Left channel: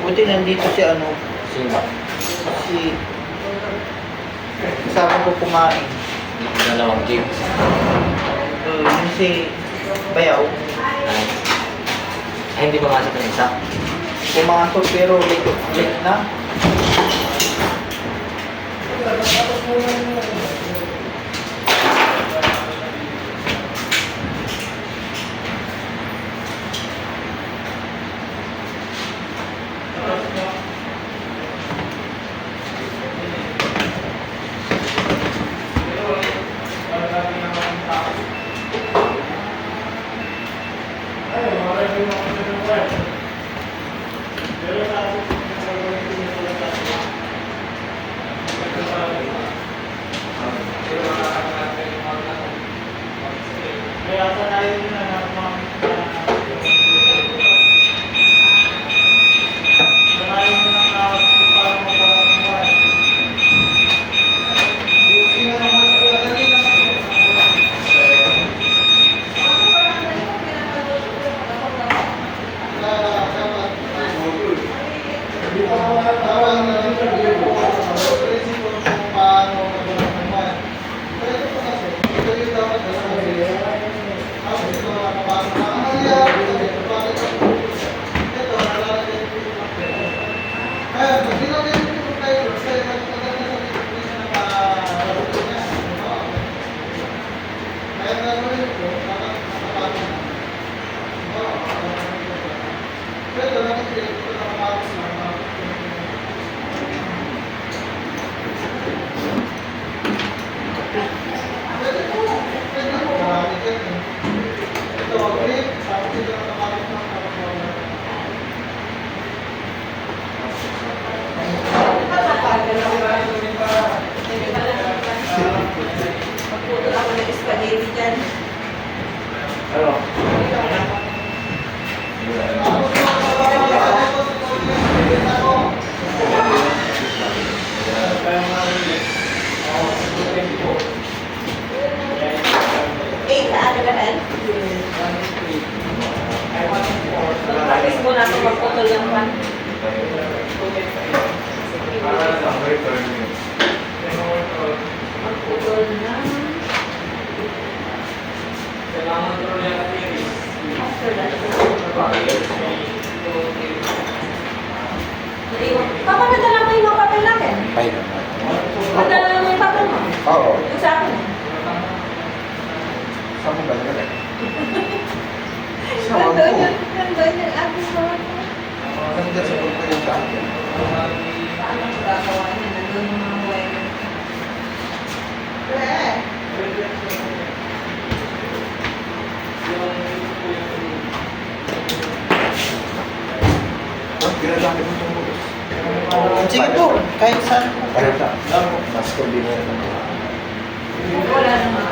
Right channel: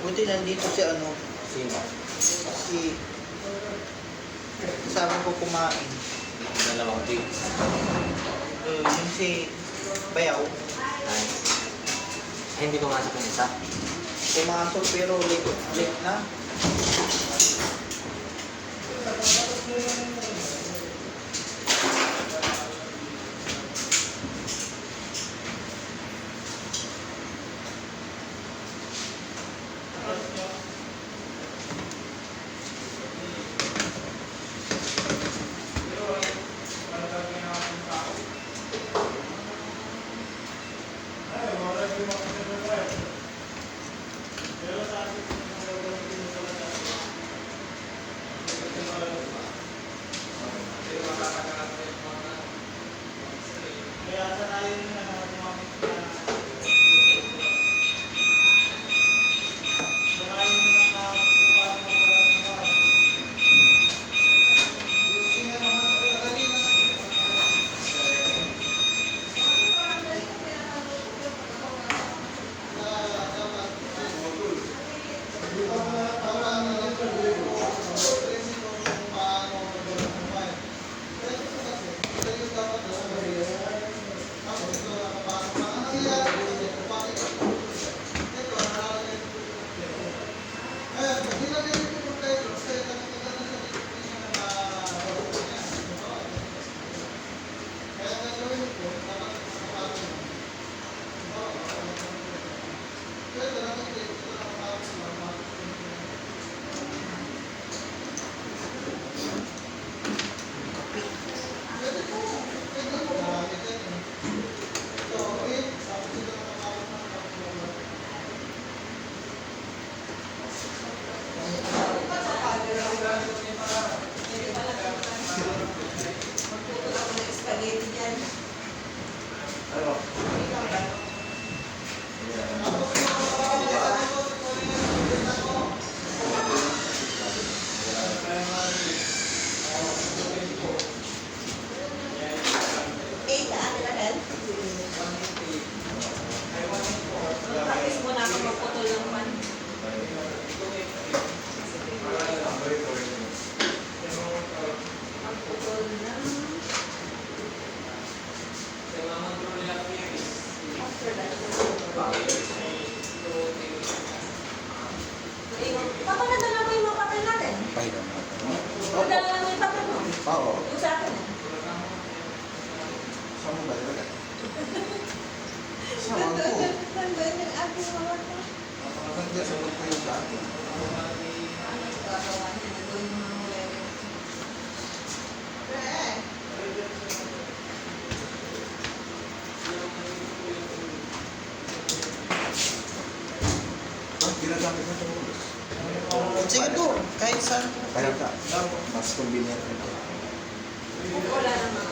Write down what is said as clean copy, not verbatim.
Buti nandito si ano, Sino? si kasama ko kumain. Dalawang gigs. Yung si Bayaw, Ay, hindi pumasok ng isa. pumasok pero late na. Magputol lang pa. Magputol na. After that. Papa, nadala mo yung mga papel natin? Ay, Nadala mo yung papel mo? oo. Yung sa akin eh. Saan mo ba nalagay? Nandun yung abis mo. Nandun sa grupo yung sa akin. Paano magagawa niya? Nandun yung mga wire. Ginagamit mo yung bubos. Sige po, kahit saan. Kahit saan. Mas convenient. Wala naman.